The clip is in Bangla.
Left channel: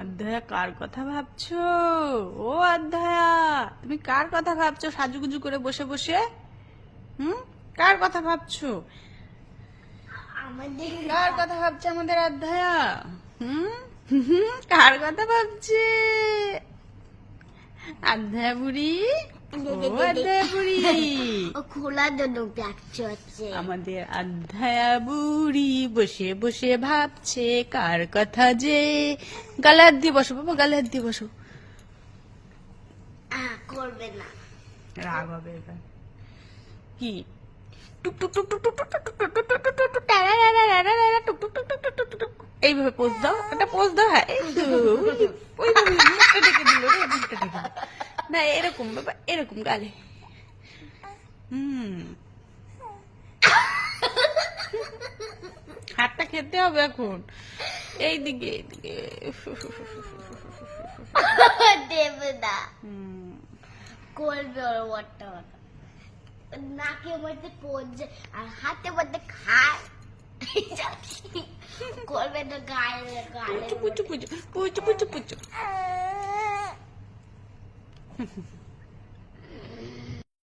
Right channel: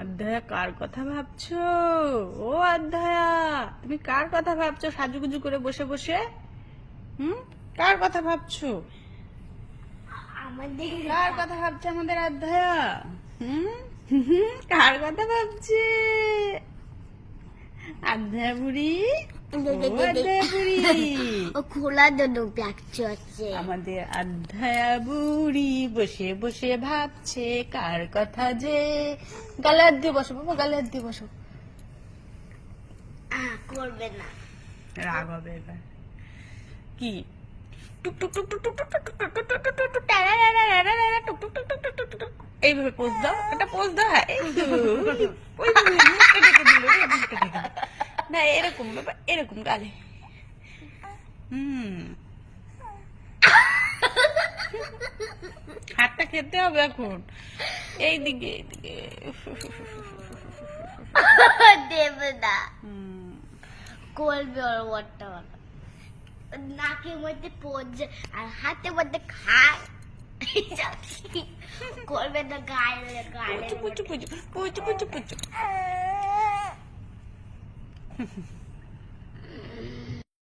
অধ্যায়া কার কথা ভাবছো? ও অধ্যায়া, তুমি কার কথা ভাবছো সাজুগুজু করে বসে বসে? কার কথা ভাবছো? আমাদের কার কথা ভাবছে আমাদের অধ্যায়া? কার কথা ভাবছে অধ্যায়া বুড়ি? ও অধ্যায়া বুড়ি, ও খোলা দুটো প্যাকচ আছে। আমাদের অধ্যায়া বুড়ি বসে বসে ভাবছে কার কথা যে। গালে হাত দিয়ে বসো বাবা, গালে হাত দিয়ে বসো। করবে না। রাগ হবে এবার। কি এইভাবে পোজ দাও, একটা পোজ দাও। হ্যাঁ ওই তো মুখটা ঢেকে দিল রে, মুখটা ঢেকে দিল। না এরকম বাবা, এরকম গালে। হাতটা খেতে হবে এখন। এইদিকে এইদিকে। দেবে না, করবে ওর ওয়াটটা নাকের মধ্যে পড়ছে আর হাতের মধ্যে করবে না, গায়ে গায়ে পুচু পুচু পুচু পুচু পুচু পুচু।